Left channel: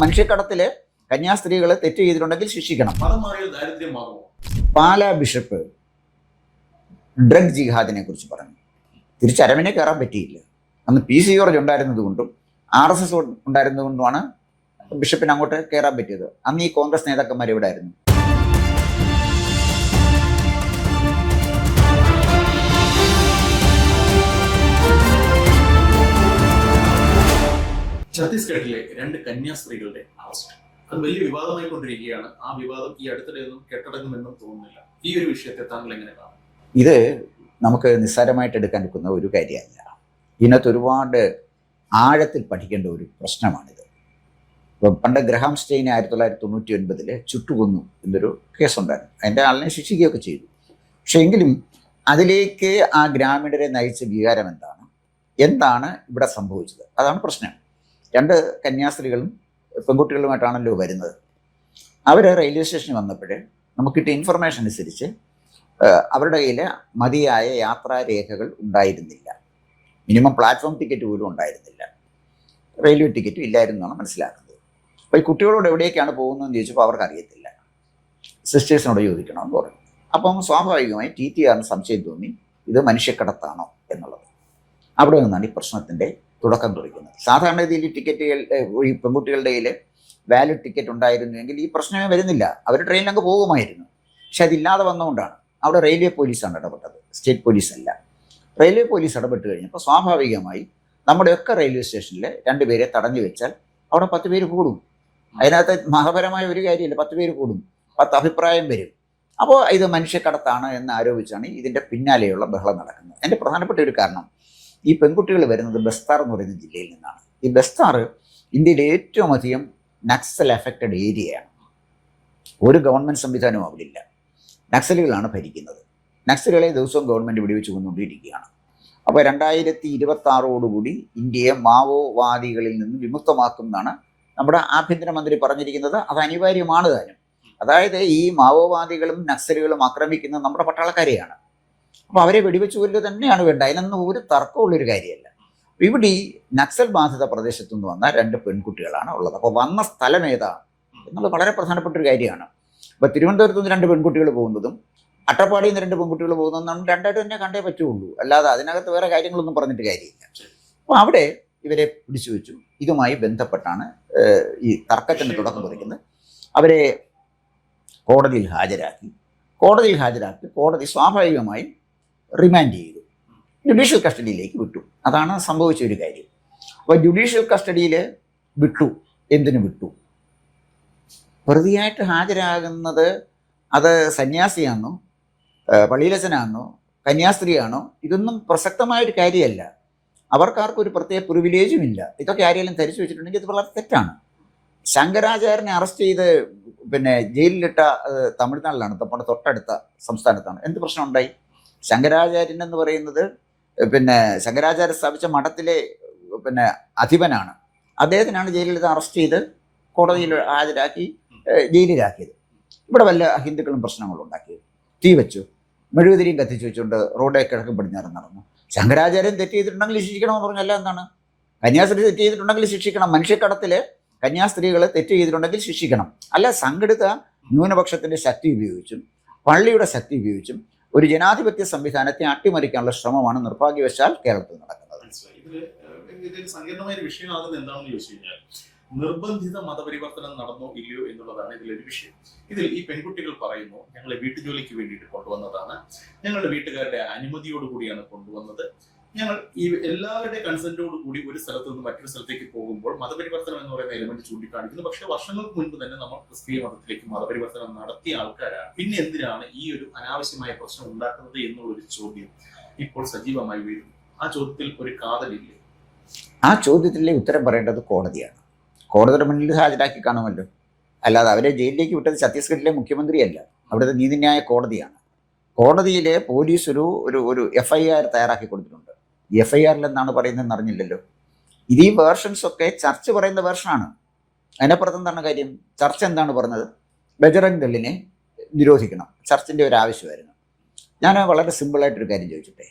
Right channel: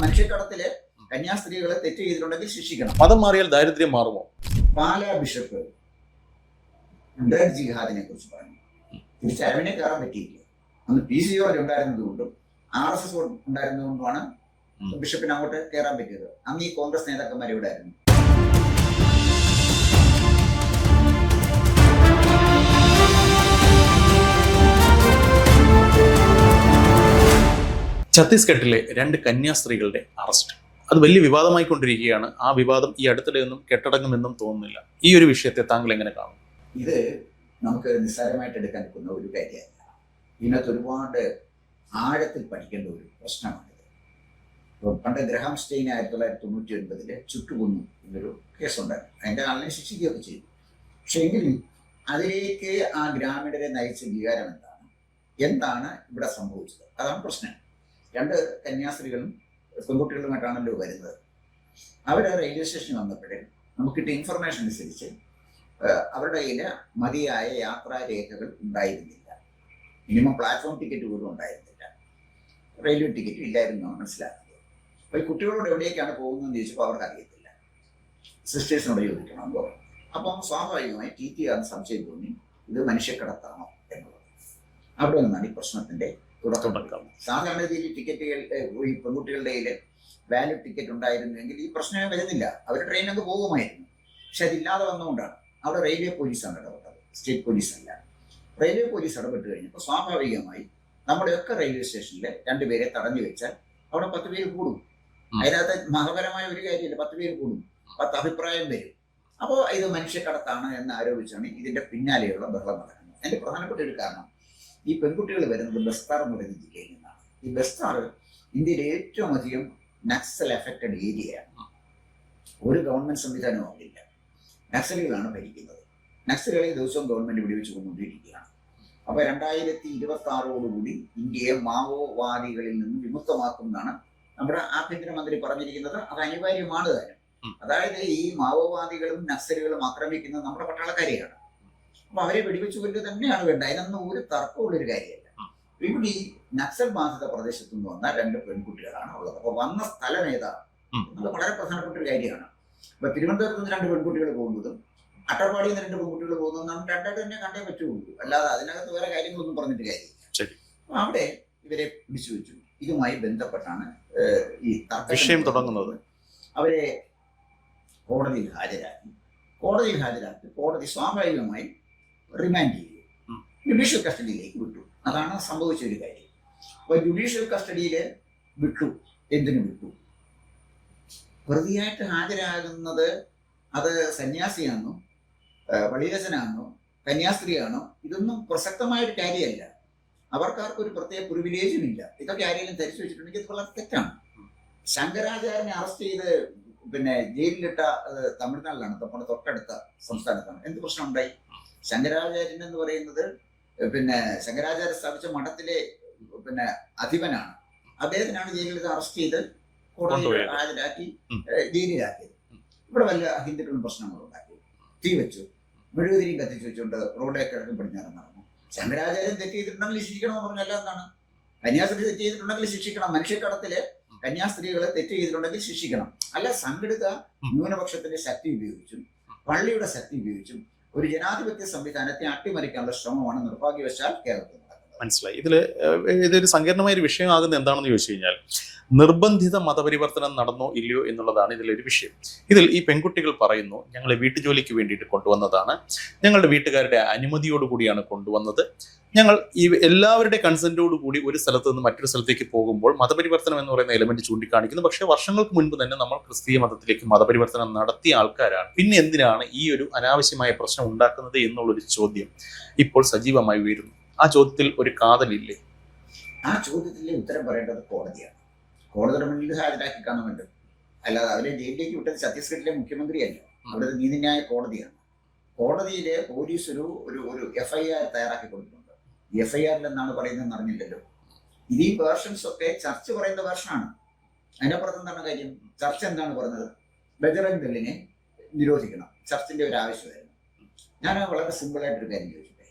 മനുഷ്യക്കടത്തില് കന്യാസ്ത്രീകൾ തെറ്റ് ചെയ്തിട്ടുണ്ടെങ്കിൽ ശിക്ഷിക്കണം. മതം മാറിയാൽ ദാരിദ്ര്യം മാറുമോ? പാലാ ബിഷപ്പ് ഡ്രഗ് ജിഹാദിനെ കുറിച്ച് പറഞ്ഞു. തിരിച്ചരവിനെ കയറാൻ പറ്റിയില്ല. അന്ന് PC ജോർജ് ഉണ്ടായിരുന്നത് കൊണ്ടും RSS ഉണ്ടായിരുന്നത് കൊണ്ടുമാണ് ബിഷപ്പിന് അങ്ങോട്ട് കയറാൻ പറ്റിയത്. അന്ന് ഈ കോൺഗ്രസ് നേതാക്കന്മാർ ഇവിടെ ആയിരുന്നു. ഛത്തീസ്ഗഡിലെ 2 കന്യാസ്ത്രീകളുടെ അറസ്റ്റ് അത് വലിയ വിവാദമായിക്കൊണ്ടിരിക്കുകയാണ്. ആ വിവാദം ഈ അടുത്തിടെയൊന്നും കെട്ടടങ്ങുമെന്നും തോന്നുന്നില്ല. ഈ ഒരു വിഷയത്തെ താങ്കൾ എങ്ങനെ കാണും? ഇത് നമുക്ക് നിസ്സാരമായിട്ട് എടുക്കാൻ നിൽക്കുന്ന ഒരു കാര്യമല്ല. ഇതിനകത്ത് ഒരുപാട് ആഴത്തിൽ പഠിക്കേണ്ട ഒരു പ്രശ്നമാണിത്. ഇപ്പം പണ്ട് ഗ്രഹാം സ്റ്റെയിനെ 1999 ചുട്ടുകൊന്നു എന്നൊരു കേസുണ്ടായിരുന്നു. അതിൻ്റെ ആളിനെ ശിക്ഷിക്കുകയൊക്കെ ചെയ്തു. പക്ഷെ എങ്കിലും അതിലേക്ക് ആ ഗ്രാമീണരെ നയിച്ച വികാരം എന്താണ് ഇവിടെ സംഭവിച്ചത്? അതാണ് പ്രശ്നം. 2 കന്യാസ്ത്രീകളും പെൺകുട്ടികളുമായിട്ടാണല്ലോ വരുന്നത്. അവർ റെയിൽവേ സ്റ്റേഷനിൽ വന്നപ്പോൾ നമുക്ക് കിട്ടിയ ഇൻഫർമേഷൻ അനുസരിച്ച് അവരുടെ കയ്യിൽ മതിയായ യാത്രാരേഖകൾ ഉണ്ടായിരുന്നില്ല. മിനിമം പ്ലാറ്റ്ഫോം ടിക്കറ്റ് പോലും ഉണ്ടായിരുന്നില്ല. റെയിൽവേ ടിക്കറ്റും ഇല്ലായിരുന്നാണ് മനസ്സിലാക്കുന്നത്. അപ്പോൾ ഈ കുട്ടികളോട് എവിടേക്കാണ് പോകുന്നതെന്ന് ചോദിച്ചപ്പോൾ അവർക്ക് അറിയത്തില്ല. സിസ്റ്റേഴ്സിനോട് ചോദിക്കണമെന്ന് പറഞ്ഞു. അപ്പം സ്വാഭാവികമായി TTRന് സംശയം തോന്നി ഇത് മനുഷ്യക്കടത്താണോ എന്നുള്ളത്. അവിടെ നിന്നാണ് ഈ പ്രശ്നത്തിൻ്റെ തുടക്കം കുറിക്കുന്നത്. സാധാരണ രീതിയിൽ ടിക്കറ്റുകൾ ഈ പെൺകുട്ടികളുടെ കയ്യിൽ വാലിഡ് ടിക്കറ്റ് ഉണ്ടായിരുന്നുവെങ്കിൽ ഈ പ്രശ്നമേ വരുന്നില്ല. അവർ ട്രെയിനിലങ്ങ് പോകുമായിരുന്നു. പക്ഷെ അതില്ലാതെ വന്നുകൊണ്ടാണ് അവിടെ റെയിൽവേ പോലീസാണ് ഇടപെട്ടത്, സ്റ്റേറ്റ് പോലീസ് അല്ല. റെയിൽവേ പോലീസ് ഇടപെട്ട് കഴിഞ്ഞപ്പോൾ സ്വാഭാവികമായി നമ്മുടെയൊക്കെ റെയിൽവേ സ്റ്റേഷനിൽ 2 പേരെ തടഞ്ഞു വെച്ചാൽ അവിടെ 10 പേര് കൂടും. അതിനകത്ത് മതപരമായ ഒരു കാര്യമില്ല. 10 പേര് കൂടും, 10 അഭിപ്രായം വരും. അപ്പോൾ ഇത് മനുഷ്യക്കടത്താണ് എന്ന് ആരോപിച്ചാണ് ഇതിൻ്റെ പിന്നാലെയുള്ള ബഹളം നടക്കുന്നത്. അതിൻ്റെ പ്രധാനപ്പെട്ട ഒരു കാരണം ഈ പെൺകുട്ടികൾ വരുന്നത് ബസ്താർ എന്ന് പറയുന്ന ജില്ലയിൽ നിന്നാണ്. ഈ ബസ്താർ ഇന്ത്യയിലെ ഏറ്റവും അധികം നക്സൽ അഫക്റ്റഡ് ഏരിയയാണ്. ഒരു ഗവൺമെൻറ് സംവിധാനവും അവിടെ ഇല്ല. നക്സലുകളാണ് ഭരിക്കുന്നത്. നക്സലുകളെ ദിവസവും ഗവൺമെൻറ് വെടിവെച്ച് കൊന്നുകൊണ്ടിരിക്കുകയാണ്. അപ്പോൾ 2026 ഇന്ത്യയെ മാവോവാദികളിൽ നിന്ന് വിമുക്തമാക്കും എന്നാണ് നമ്മുടെ ആഭ്യന്തരമന്ത്രി പറഞ്ഞിരിക്കുന്നത്. അത് അനിവാര്യമാണ് താനും. അതായത് ഈ മാവോവാദികളും നക്സലുകളും ആക്രമിക്കുന്നത് നമ്മുടെ പട്ടാളക്കാരെയാണ്. അപ്പോൾ അവരെ വെടിവെച്ച് കൊല്ലുക തന്നെയാണ് വേണ്ട. അതിനൊന്നും ഒരു തർക്കമുള്ളൊരു കാര്യമല്ല. ഇവിടെ ഈ നക്സൽ ബാധിത പ്രദേശത്തു നിന്ന് വന്ന 2 പെൺകുട്ടികളാണ് ഉള്ളത്. അപ്പോൾ വന്ന സ്ഥലം ഏതാണ് എന്നുള്ളത് വളരെ പ്രധാനപ്പെട്ട ഒരു കാര്യമാണ്. അപ്പോൾ തിരുവനന്തപുരത്ത് നിന്ന് 2 പെൺകുട്ടികൾ പോകുന്നതും അട്ടപ്പാടിയിൽ നിന്ന് 2 പെൺകുട്ടികൾ പോകുന്നതെന്നാണ് രണ്ടായിട്ട് തന്നെ കണ്ടേ പറ്റുള്ളൂ. അല്ലാതെ അതിനകത്ത് വേറെ കാര്യങ്ങളൊന്നും പറഞ്ഞിട്ട് കാര്യമില്ല. അപ്പോൾ അവിടെ ഇവരെ പിടിച്ചു വെച്ചു. ഇതുമായി ബന്ധപ്പെട്ടാണ് ഈ തർക്കത്തിന് തുടങ്ങുന്നത്. അവരെ കോടതിയിൽ ഹാജരാക്കി. കോടതി സ്വാഭാവികമായി റിമാൻഡ് ചെയ്തു, ജുഡീഷ്യൽ കസ്റ്റഡിയിലേക്ക് വിട്ടു. അതാണ് സംഭവിച്ച ഒരു കാര്യം. അപ്പോൾ ജുഡീഷ്യൽ കസ്റ്റഡിയിൽ വിട്ടു. എന്തിനു വിട്ടു? പ്രതിയായിട്ട് ഹാജരാകുന്നത് അത് സന്യാസിയാണോ, പള്ളിയിലച്ചനാണോ, കന്യാസ്ത്രീയാണോ, ഇതൊന്നും പ്രസക്തമായൊരു കാര്യമല്ല. അവർക്കാർക്കും ഒരു പ്രത്യേക പ്രിവിലേജും ഇല്ല. ഇതൊക്കെ ആരെങ്കിലും ധരിച്ചു വെച്ചിട്ടുണ്ടെങ്കിൽ ഇത് വളരെ തെറ്റാണ്. ശങ്കരാചാര്യനെ അറസ്റ്റ് ചെയ്ത് ജയിലിലിട്ട തമിഴ്നാട്ടിലാണ്, നമ്മുടെ തൊട്ടടുത്ത സംസ്ഥാനത്താണ്. എന്ത് പ്രശ്നം ഉണ്ടായി? ശങ്കരാചാര്യൻ എന്ന് പറയുന്നത് ശങ്കരാചാര്യ സ്ഥാപിച്ച മഠത്തിലെ അധിപനാണ്. അദ്ദേഹത്തിനാണ് ജയിലിൽ അറസ്റ്റ് ചെയ്ത് കോടതിയിൽ ഹാജരാക്കി ജയിലിലാക്കിയത്. ഇവിടെ വല്ല ഹിന്ദുക്കളും പ്രശ്നങ്ങളും ഉണ്ടാക്കിയത്. തീ വെച്ചു, മെഴുകുതിരിയും കത്തിച്ചു വെച്ചുകൊണ്ട് റോഡേ കിഴക്ക് പടിഞ്ഞാറ് നടന്നു. ശങ്കരാചാര്യൻ തെറ്റ് ചെയ്തിട്ടുണ്ടെങ്കിൽ ശിക്ഷിക്കണമെന്ന് പറഞ്ഞല്ല എന്താണ്? കന്യാസ്ത്രീ തെറ്റ് ചെയ്തിട്ടുണ്ടെങ്കിൽ ശിക്ഷിക്കണം. മനുഷ്യക്കടത്തില് കന്യാസ്ത്രീകൾ തെറ്റ് ചെയ്തിട്ടുണ്ടെങ്കിൽ ശിക്ഷിക്കണം. അല്ല സംഘടിത ന്യൂനപക്ഷത്തിന്റെ ശക്തി ഉപയോഗിച്ചും പള്ളിയുടെ ശക്തി ഉപയോഗിച്ചും ഒരു ജനാധിപത്യ സംവിധാനത്തെ അട്ടിമറിക്കാനുള്ള ശ്രമമാണ് നിർഭാഗ്യവശാൽ കേരളത്തിൽ നടക്കുന്നത്. മനസ്സിലായി. ഇതൊരു സങ്കീർണമായ ഒരു വിഷയമാകുന്നത് എന്താണെന്ന് ചോദിച്ചു കഴിഞ്ഞാൽ നിർബന്ധിത മതപരിവർത്തനം നടന്നോ ഇല്ലയോ എന്നുള്ളതാണ് ഇതിലൊരു വിഷയം. ഇതിൽ ഈ പെൺകുട്ടികൾ പറയുന്നു, ഞങ്ങൾ വീട്ടുജോലിക്ക് വേണ്ടിയിട്ട് കൊണ്ടുവന്നതാണ്, ഞങ്ങളുടെ വീട്ടുകാരുടെ അനുമതിയോടുകൂടിയാണ് കൊണ്ടുവന്നത്, ഞങ്ങൾ ഈ എല്ലാവരുടെ കൺസെന്റോടു കൂടി ഒരു സ്ഥലത്ത് നിന്ന് മറ്റൊരു സ്ഥലത്തേക്ക് പോകുമ്പോൾ മതപരിവർത്തനം എന്ന് പറയുന്ന എലമെന്റ് ചൂണ്ടിക്കാണിക്കുന്നു. പക്ഷേ വർഷങ്ങൾക്ക് മുൻപ് തന്നെ നമ്മൾ ക്രിസ്തീയ മതത്തിലേക്ക് മതപരിവർത്തനം നടത്തിയ ആൾക്കാരാണ്. പിന്നെ എന്തിനാണ് ഈ ഒരു അനാവശ്യമായ പ്രശ്നം ഉണ്ടാക്കുന്നത് എന്നുള്ളൊരു ചോദ്യം ഇപ്പോൾ സജീവമായി ഉയരുന്നു. ആ ചോദ്യത്തിൽ ഒരു കാതലില്ലേ? ആ ചോദ്യത്തിലെ ഉത്തരം പറയേണ്ടത് കോടതിയാണ്. കോടതിയുടെ മുന്നിൽ ഹാജരാക്കി കാണുമല്ലോ. അല്ലാതെ അവരെ ജയിലിലേക്ക് വിട്ടത് ഛത്തീസ്ഗഡിലെ മുഖ്യമന്ത്രിയല്ല, അവിടുത്തെ നീതിന്യായ കോടതിയാണ്. കോടതിയിലെ പോലീസ് ഒരു FIR തയ്യാറാക്കി കൊടുത്തിട്ടുണ്ട്. FIRൽ എന്താണ് പറയുന്നതെന്ന് അറിഞ്ഞില്ലല്ലോ. ഇത് ഈ വേർഷൻസ് ഒക്കെ ചർച്ച് പറയുന്ന വേർഷനാണ്. അതിനപ്പുറത്ത് എന്താണ് കാര്യം? ചർച്ച് എന്താണ് പറഞ്ഞത്? ബജറംഗ് ദളിനെ നിരോധിക്കണം, ചർച്ചിൻ്റെ ഒരു ആവശ്യമായിരുന്നു. ഞാൻ വളരെ സിമ്പിളായിട്ടൊരു കാര്യം ചോദിച്ചിട്ടെ,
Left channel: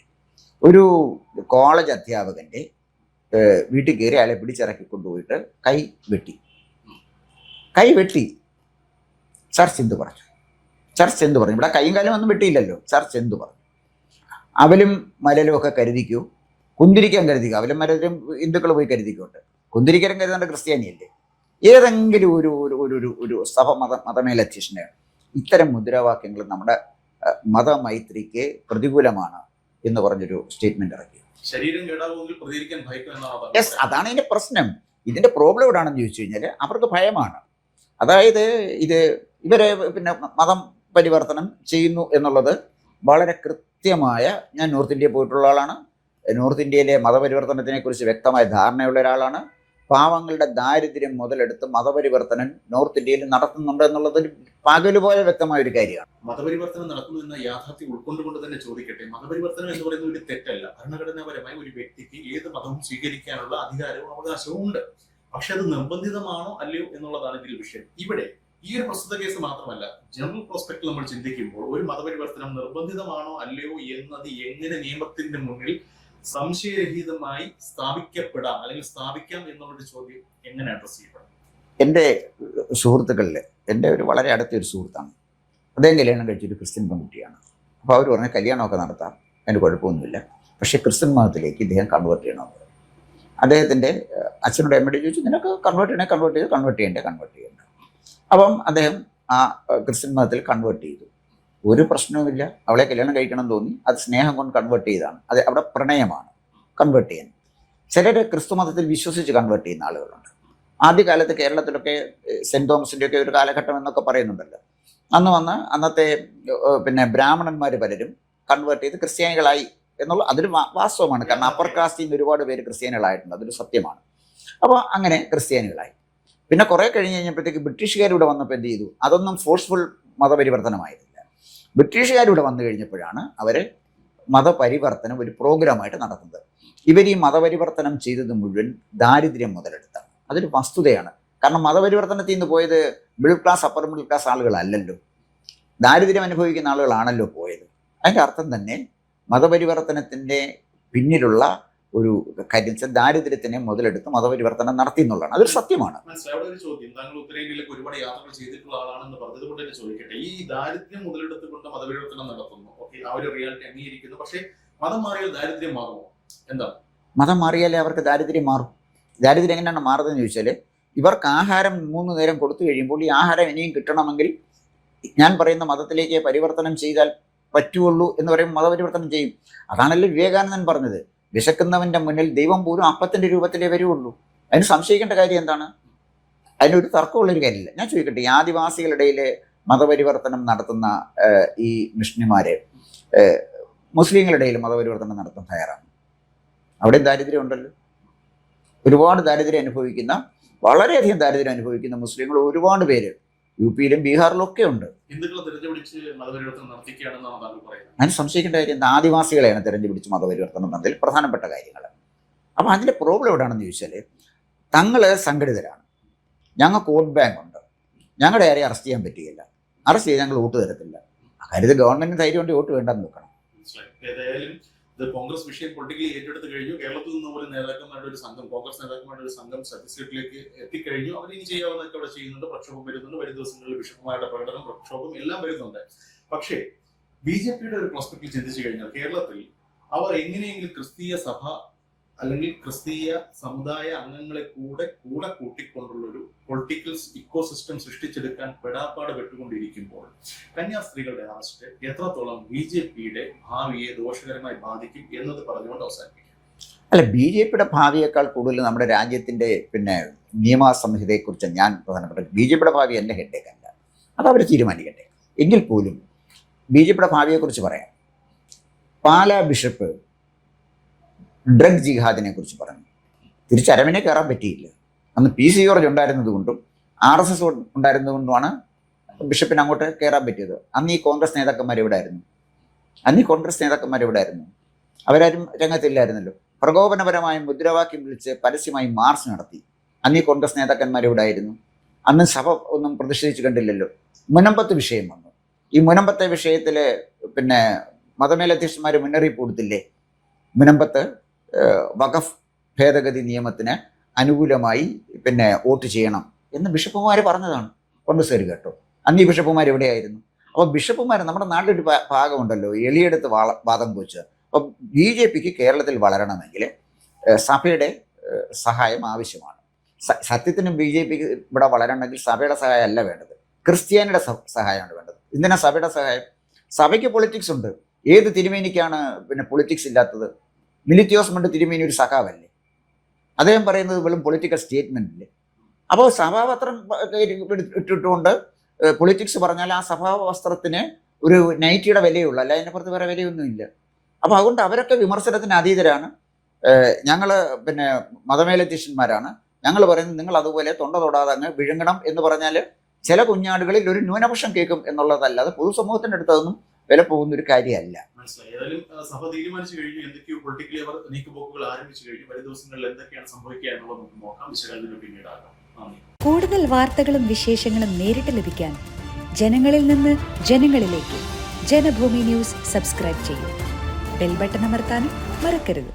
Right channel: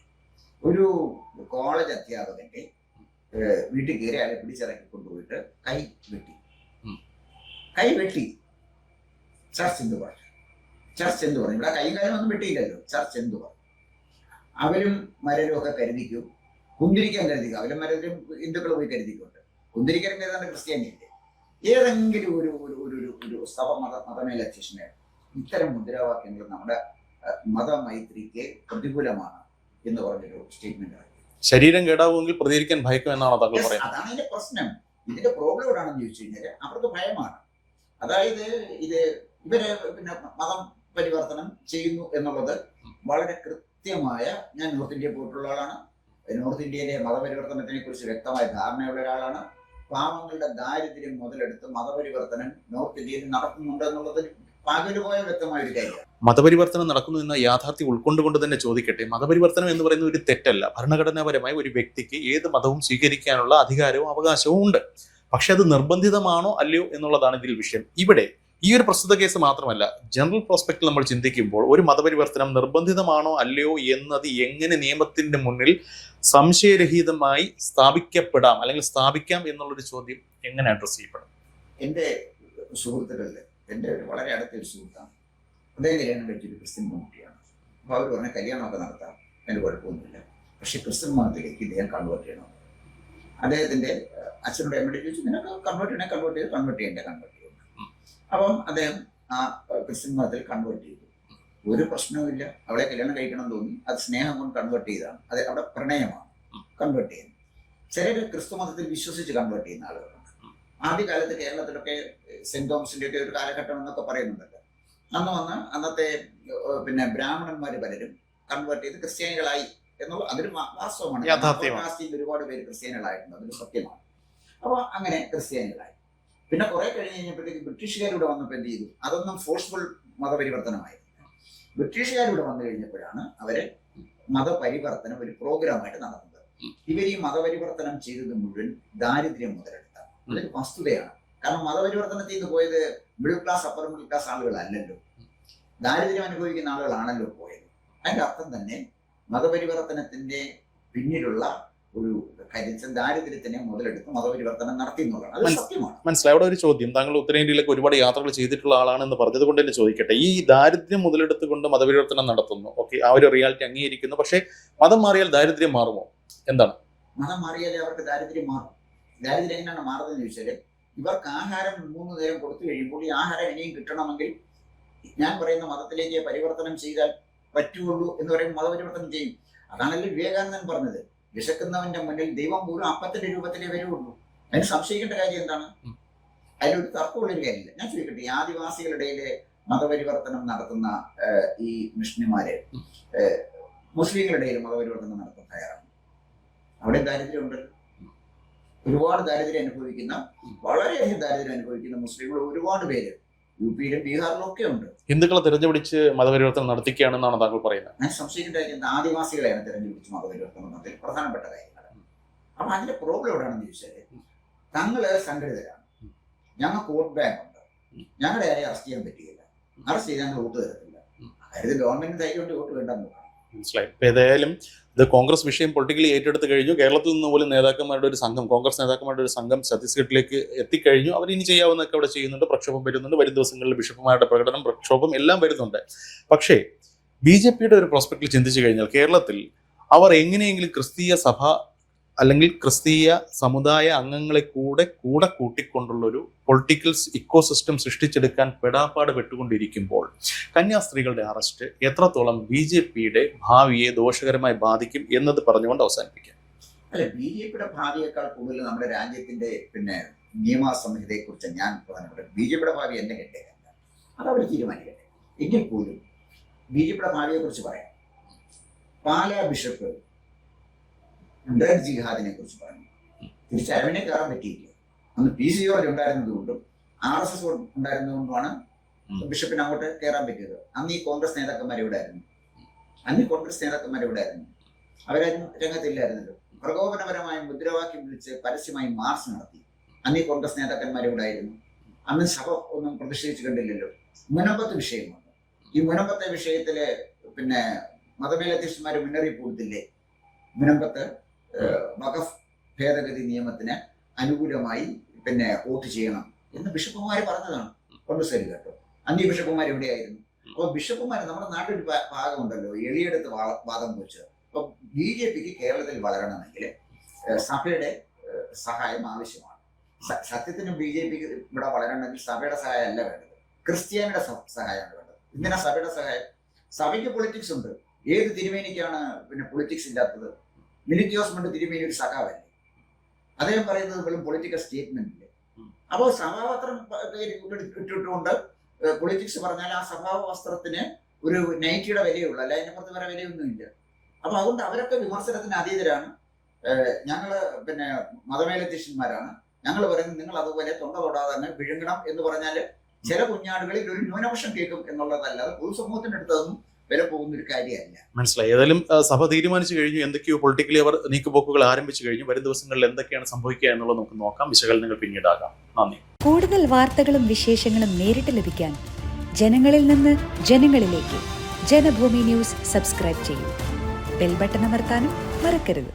ഒരു കോളേജ് അധ്യാപകൻ്റെ വീട്ടിൽ കയറി അയാളെ പിടിച്ചിറക്കി കൊണ്ടുപോയിട്ട് കൈ വെട്ടി. കൈവെട്ടി. ചർച്ച് എന്ത് പറഞ്ഞു? ചർച്ച് എന്ത് പറഞ്ഞു? ഇവിടെ കൈയും കാലം ഒന്നും വെട്ടിയില്ലല്ലോ. ചർച്ച് എന്ത് പറഞ്ഞു? അവലും മലലും ഒക്കെ കരുതിക്കൂ, കുന്തിരിക്കാൻ കരുതിക്കൂ. അവലും മലലും ഹിന്ദുക്കൾ പോയി കരുതിക്കോട്ടെ, കുന്തിരിക്കലും കരുതേണ്ട ക്രിസ്ത്യാനിയല്ലേ? ഏതെങ്കിലും ഒരു ഒരു ഒരു ഒരു സഭ മതമേലധ്യക്ഷന് ഇത്തരം മുദ്രാവാക്യങ്ങൾ നമ്മുടെ മതമൈത്രിക്ക് പ്രതികൂലമാണ് എന്ന് പറഞ്ഞൊരു സ്റ്റേറ്റ്മെന്റ് ഇറക്കി. ശരീരം കേടാവുമെങ്കിൽ പ്രതികരിക്കാൻ ഭയക്കും എന്നാണ് താങ്കൾ യെസ്, പറയുന്നത്. അതാണ് ഇതിന്റെ പ്രശ്നം. ഇതിന്റെ പ്രോബ്ലം എവിടാണെന്ന് ചോദിച്ചു കഴിഞ്ഞാൽ അവർക്ക് ഭയമാണ്. അതായത് ഇവരെ പിന്നെ മതം പരിവർത്തനം ചെയ്യുന്നു എന്നുള്ളത് വളരെ കൃത്യമായ, ഞാൻ നോർത്ത് ഇന്ത്യയിൽ പോയിട്ടുള്ള ആളാണ്. നോർത്ത് ഇന്ത്യയിലെ മതപരിവർത്തനത്തിനെ കുറിച്ച് വ്യക്തമായ ധാരണയുള്ള ഒരാളാണ്. പാവങ്ങളുടെ ദാരിദ്ര്യം മുതലെടുത്ത് മതപരിവർത്തനം നോർത്ത് ഇന്ത്യയിൽ നടത്തുന്നുണ്ട് എന്നുള്ളത് പകലുപോലെ വ്യക്തമായ ഒരു കാര്യമാണ്. മതപരിവർത്തനം നടക്കുന്നു എന്ന യാഥാർത്ഥ്യം ഉൾക്കൊണ്ടുകൊണ്ട് തന്നെ ചോദിക്കട്ടെ, മതപരിവർത്തനം എന്ന് പറയുന്ന ഒരു തെറ്റല്ല. ഭരണഘടനാപരമായി ഒരു വ്യക്തിക്ക് ഏത് മതവും സ്വീകരിക്കാനുള്ള അധികാരവും അവകാശവും ഉണ്ട്. പക്ഷെ അത് നിർബന്ധിതമാണോ അല്ലയോ എന്നുള്ളതാണ് ഇതിൽ വിഷയം. ഇവിടെ ഈ ഒരു പ്രസ്തുത കേസ് മാത്രമല്ല, ജനറൽ പ്രോസ്പെക്റ്റിൽ നമ്മൾ ചിന്തിക്കുമ്പോൾ ഒരു മതപരിവർത്തനം നിർബന്ധിതമാണോ അല്ലയോ എന്നത് എങ്ങനെ നിയമത്തിന്റെ മുന്നിൽ സംശയരഹിതമായി സ്ഥാപിക്കപ്പെടാം അല്ലെങ്കിൽ സ്ഥാപിക്കാം എന്നുള്ളൊരു ചോദ്യം എങ്ങനെ അഡ്രസ് ചെയ്യപ്പെടും? എൻ്റെ സുഹൃത്തുക്കളിൽ എൻ്റെ ഒരു വളരെ അടുത്തൊരു സുഹൃത്താണ്. അദ്ദേഹം കല്യാണം കഴിച്ചൊരു ക്രിസ്ത്യൻ പെൺകുട്ടിയാണ്. അപ്പോൾ അവർ പറഞ്ഞ കല്യാണമൊക്കെ നടത്താം, അതിന് കുഴപ്പമൊന്നുമില്ല, പക്ഷേ ക്രിസ്ത്യൻ മതത്തിലേക്ക് ഇദ്ദേഹം കൺവേർട്ട് ചെയ്യണമെന്ന് പറഞ്ഞു. അദ്ദേഹത്തിൻ്റെ അച്ഛനോട് അമ്മയോട് ചോദിച്ചു, നിനക്ക് കൺവേർട്ട് ചെയ്യണ്ടേ? അപ്പം അദ്ദേഹം ആ ക്രിസ്ത്യൻ മതത്തിൽ കൺവേർട്ട് ചെയ്തു. ഒരു പ്രശ്നവുമില്ല, അവളെ കല്യാണം കഴിക്കണം തോന്നി, അത് സ്നേഹം കൊണ്ട് കൺവേർട്ട് ചെയ്താണ്. അത് അവിടെ പ്രണയമാണ് കൺവേർട്ട് ചെയ്യാൻ. ചിലർ ക്രിസ്തു മതത്തിൽ വിശ്വസിച്ച് കൺവേർട്ട് ചെയ്യുന്ന ആളുകളുണ്ട്. ആദ്യകാലത്ത് കേരളത്തിലൊക്കെ സെൻറ് തോമസിൻ്റെ ഒക്കെ ഒരു കാലഘട്ടം എന്നൊക്കെ പറയുന്നുണ്ടല്ലോ. അന്ന് അന്നത്തെ പിന്നെ ബ്രാഹ്മണന്മാർ പലരും കൺവേർട്ട് ചെയ്ത് ക്രിസ്ത്യാനികളായി എന്നുള്ള അതൊരു വാസ്തവമാണ്. കാരണം അപ്പർ കാസ്റ്റിൽ നിന്ന് ഒരുപാട് പേര് ക്രിസ്ത്യാനികളായിട്ടുണ്ട്, അതൊരു സത്യമാണ്. അപ്പോൾ അങ്ങനെ ക്രിസ്ത്യാനികളായി. പിന്നെ കുറെ കഴിഞ്ഞ് കഴിഞ്ഞപ്പോഴത്തേക്ക് ബ്രിട്ടീഷുകാരിവിടെ വന്നപ്പോൾ എന്ത് ചെയ്തു? അതൊന്നും ഫോഴ്സ്ഫുൾ മതപരിവർത്തനമായിരുന്നില്ല. ബ്രിട്ടീഷുകാരിവിടെ വന്നു കഴിഞ്ഞപ്പോഴാണ് അവരെ മതപരിവർത്തനം ഒരു പ്രോഗ്രാമായിട്ട് നടത്തുന്നത്. ഇവർ ഈ മതപരിവർത്തനം ചെയ്തത് മുഴുവൻ ദാരിദ്ര്യം മുതലെടുത്താണ്. അതൊരു വസ്തുതയാണ്. കാരണം മതപരിവർത്തനത്തിൽ നിന്ന് പോയത് middle class, upper middle class ആളുകളല്ലല്ലോ, ദാരിദ്ര്യം അനുഭവിക്കുന്ന ആളുകളാണല്ലോ പോയത്. അതിൻ്റെ അർത്ഥം തന്നെ മതപരിവർത്തനത്തിൻ്റെ പിന്നിലുള്ള ഒരു കാര്യം ദാരിദ്ര്യത്തിനെ മുതലെടുത്ത് മതപരിവർത്തനം നടത്തി എന്നുള്ളതാണ്. അതൊരു സത്യമാണ്. മനസ്സിലായി. അവിടെ ഒരു ചോദ്യം, താങ്കൾ ഉത്തരേന്ത്യയിലേക്ക് ഒരുപാട് യാത്രകൾ ചെയ്തിട്ടുള്ള ആളാണെന്ന് പറഞ്ഞത് കൊണ്ട് തന്നെ ചോദിക്കട്ടെ, ഈ ദാരിദ്ര്യം മുതലെടുത്തുകൊണ്ട് മതപരിവർത്തനം നടത്തുന്നു, ഓക്കെ, ആ ഒരു റിയാലിറ്റി അംഗീകരിക്കുന്നു, പക്ഷേ മതം മാറിയാൽ ദാരിദ്ര്യം മാറുമോ? എന്താണ്? മതം മാറിയാലേ അവർക്ക് ദാരിദ്ര്യം മാറും. ദാരിദ്ര്യം എങ്ങനെയാണ് മാറുന്നതെന്ന് ചോദിച്ചാൽ, ഇവർക്ക് ആഹാരം 3 നേരം കൊടുത്തു കഴിയുമ്പോൾ ഈ ആഹാരം ഇനിയും കിട്ടണമെങ്കിൽ ഞാൻ പറയുന്ന മതത്തിലേക്ക് പരിവർത്തനം ചെയ്താൽ പറ്റുള്ളൂ എന്ന് പറയുമ്പോൾ മതപരിവർത്തനം ചെയ്യും. അതാണല്ലോ വിവേകാനന്ദൻ പറഞ്ഞത്, വിശക്കുന്നവന്റെ മുന്നിൽ ദൈവം പോലും അപ്പത്തിന്റെ രൂപത്തിലേ വരുള്ളൂ. അതിന് സംശയിക്കേണ്ട കാര്യം എന്താണ്? അതിനൊരു തർക്കമുള്ളൊരു കാര്യമില്ല. ഞാൻ ചോദിക്കട്ടെ, ഈ ആദിവാസികളുടെ മതപരിവർത്തനം നടത്തുന്ന ഈ മിഷണറിമാര് മുസ്ലിങ്ങളുടെ ഇടയിൽ മതപരിവർത്തനം നടത്താൻ തയ്യാറാണ്? അവിടെ ദാരിദ്ര്യം ഉണ്ടല്ലോ. ഒരുപാട് ദാരിദ്ര്യം അനുഭവിക്കുന്ന, വളരെയധികം ദാരിദ്ര്യം അനുഭവിക്കുന്ന മുസ്ലിങ്ങൾ ഒരുപാട് പേര് യുപിയിലും ബീഹാറിലും ഒക്കെ ഉണ്ട്. ഹിന്ദുക്കളെ തിരഞ്ഞുപിടിച്ച് മതപരിവർത്തനം നടത്തിക്കുകയാണെന്നാണ് താങ്കൾ പറയുന്നത്. അതിന് സംശയിക്കേണ്ട കാര്യം എന്താ? ആദിവാസികളെയാണ് തിരഞ്ഞുപിടിച്ച് മതപരിവർത്തനം നടത്തിയ പ്രധാനപ്പെട്ട കാര്യങ്ങൾ. അപ്പം അതിൻ്റെ പ്രോബ്ലം എവിടെയാണെന്ന് ചോദിച്ചാൽ, തങ്ങൾ സംഘടിതരാണ്, ഞങ്ങൾക്ക് വോട്ട് ബാങ്ക് ഉണ്ട്, ഞങ്ങളുടെ ആരെയും അറസ്റ്റ് ചെയ്യാൻ പറ്റുകയില്ല, അറസ്റ്റ് ചെയ്ത് ഞങ്ങൾ വോട്ട് തരത്തില്ല. അക്കാര്യത്തിൽ ഗവൺമെന്റിന് ധൈര്യം കൊണ്ട് വോട്ട് വേണ്ടെന്ന് നോക്കണം. മനസ്സിലായി. ഇപ്പം ഏതായാലും ഇത് കോൺഗ്രസ് വിഷയം പൊളിറ്റിക്കലി ഏറ്റെടുത്ത് കഴിഞ്ഞു. കേരളത്തിൽ നിന്ന് പോലും നേതാക്കന്മാരുടെ ഒരു സംഘം, കോൺഗ്രസ് നേതാക്കന്മാരുടെ ഒരു സംഘം ഛത്തീസ്ഗഡിലേക്ക് എത്തിക്കഴിഞ്ഞു. അവർ ഇനി ചെയ്യാവുന്നതൊക്കെ അവിടെ ചെയ്യുന്നുണ്ട്. പ്രക്ഷോഭം വരുന്നുണ്ട്. വരും ദിവസങ്ങളിൽ ബിഷപ്പുമാരുടെ പ്രകടനം, പ്രക്ഷോഭം എല്ലാം വരുന്നുണ്ട്. പക്ഷേ BJPയുടെ ഒരു പ്രോസ്പെക്റ്റിൽ ചിന്തിച്ചു കഴിഞ്ഞാൽ കേരളത്തിൽ അവർ എങ്ങനെയെങ്കിലും ക്രിസ്തീയ സഭ അല്ലെങ്കിൽ ക്രിസ്തീയ സമുദായ അംഗങ്ങളെ കൂടെ കൂട്ടിക്കൊണ്ടുള്ളൊരു പൊളിറ്റിക്കൽ ഇക്കോസിസ്റ്റം സൃഷ്ടിച്ചെടുക്കാൻ പെടാപ്പാട് പെട്ടുകൊണ്ടിരിക്കുമ്പോൾ കന്യാസ്ത്രീകളുടെ അറസ്റ്റ് എത്രത്തോളം BJPയുടെ ഭാവിയെ ദോഷകരമായി ബാധിക്കും എന്നത് പറഞ്ഞുകൊണ്ട് അവസാനിപ്പിക്കാം. അല്ല, BJPയുടെ ഭാവിയേക്കാൾ കൂടുതൽ നമ്മുടെ രാജ്യത്തിൻ്റെ നിയമസംഹിതയെക്കുറിച്ച് ഞാൻ പ്രധാനപ്പെട്ട BJPയുടെ ഭാവി എൻ്റെ ഹെഡേക്കല്ല, അതവർ തീരുമാനിക്കട്ടെ. എങ്കിൽ പോലും BJPയുടെ ഭാവിയെക്കുറിച്ച് പറയാം. പാലാ ബിഷപ്പ് ഡ്രഗ് ജിഹാദിനെ കുറിച്ച് പറഞ്ഞു. തിരിച്ചരവിനെ കയറാൻ പറ്റിയില്ല. അന്ന് PC ജോർജ് ഉണ്ടായിരുന്നത് കൊണ്ടും RSS ഉണ്ടായിരുന്നത് കൊണ്ടുമാണ് ബിഷപ്പിന് അങ്ങോട്ട് കയറാൻ പറ്റിയത്. അന്ന് ഈ കോൺഗ്രസ് നേതാക്കന്മാർ എവിടെ ആയിരുന്നു? അവരാരും രംഗത്തില്ലായിരുന്നല്ലോ. പ്രകോപനപരമായ മുദ്രാവാക്യം വിളിച്ച് പരസ്യമായി മാർച്ച് നടത്തി. അന്ന് ഈ കോൺഗ്രസ് നേതാക്കന്മാർ എവിടെ ആയിരുന്നു? അന്ന് സഭ ഒന്നും പ്രതിഷേധിച്ച് കണ്ടില്ലല്ലോ. മുനമ്പത്ത് വിഷയം വന്നു. ഈ മുനമ്പത്തെ വിഷയത്തിൽ പിന്നെ മതമേലധ്യക്ഷന്മാർ മുന്നറിയിപ്പ് കൊടുത്തില്ലേ? മുനമ്പത്ത് വഖഫ് ഭേദഗതി നിയമത്തിന് അനുകൂലമായി വോട്ട് ചെയ്യണം എന്ന് ബിഷപ്പുമാർ പറഞ്ഞതാണ്. കോൺഗ്രസ്സുകാർ കേട്ടോ. അന്നീ ബിഷപ്പുമാർ എവിടെയായിരുന്നു? അപ്പോൾ ബിഷപ്പുമാർ നമ്മുടെ നാട്ടിലൊരു ഭാഗമുണ്ടല്ലോ, എളിയെടുത്ത് വാദം വെച്ച്. അപ്പോൾ BJPക്ക് കേരളത്തിൽ വളരണമെങ്കിൽ സഭയുടെ സഹായം ആവശ്യമാണ്. സത്യത്തിന് BJPക്ക് ഇവിടെ വളരണമെങ്കിൽ സഭയുടെ സഹായം അല്ല വേണ്ടത്, ക്രിസ്ത്യാനിയുടെ സഹായമാണ് വേണ്ടത്. എന്തിനാ സഭയുടെ സഹായം? സഭയ്ക്ക് പൊളിറ്റിക്സ് ഉണ്ട്. ഏത് തിരുമേനിക്കാണ് പിന്നെ പൊളിറ്റിക്സ് ഇല്ലാത്തത്? മിലിറ്റിയോസ് മണ്ട് തിരുമേനി ഒരു സഖാവല്ലേ? അദ്ദേഹം പറയുന്നത് വെറും പൊളിറ്റിക്കൽ സ്റ്റേറ്റ്മെന്റില്ലേ? അപ്പോൾ സഭാപത്രം ഇട്ടിട്ടുകൊണ്ട് പൊളിറ്റിക്സ് പറഞ്ഞാൽ ആ സഭാവസ്ത്രത്തിന് ഒരു നൈറ്റിയുടെ വിലയുള്ളൂ, അല്ല അതിനപ്പുറത്ത് വേറെ വിലയൊന്നുമില്ല. അപ്പോൾ അതുകൊണ്ട് അവരൊക്കെ വിമർശനത്തിന് അതീതരാണ്. ഞങ്ങൾ പിന്നെ മതമേലധ്യക്ഷന്മാരാണ്. ഞങ്ങൾ പറയുന്നത് നിങ്ങൾ അതുപോലെ തൊണ്ട തൊടാതെ അങ്ങ് വിഴുങ്ങണം എന്ന് പറഞ്ഞാൽ ചില കുഞ്ഞാടുകളിൽ ഒരു ന്യൂനപക്ഷം കേൾക്കും എന്നുള്ളതല്ലാതെ പൊതുസമൂഹത്തിൻ്റെ അടുത്ത് അതൊന്നും വില പോകുന്ന ഒരു കാര്യമല്ല. മനസ്സിലായി. ഏതായാലും സഭ തീരുമാനിച്ചു കഴിഞ്ഞു, എന്തൊക്കെയോ പൊളിറ്റിക്കലി അവർ നീക്കുപോക്കുകൾ ആരംഭിച്ചു കഴിഞ്ഞു. വരും ദിവസങ്ങളിൽ എന്തൊക്കെയാണ് സംഭവിക്കുക എന്നുള്ളത് നമുക്ക് നോക്കാം. വിശകലനങ്ങൾ പിന്നീടാകാം. നന്ദി. കൂടുതൽ വാർത്തകളും വിശേഷങ്ങളും നേരിട്ട് ലഭിക്കാൻ ജനങ്ങളിൽ നിന്ന് ജനങ്ങളിലേക്ക് ജനഭൂമി ന്യൂസ് സബ്സ്ക്രൈബ് ചെയ്യൂ. ബെൽ ബട്ടൺ അമർത്താനും മറക്കരുത്.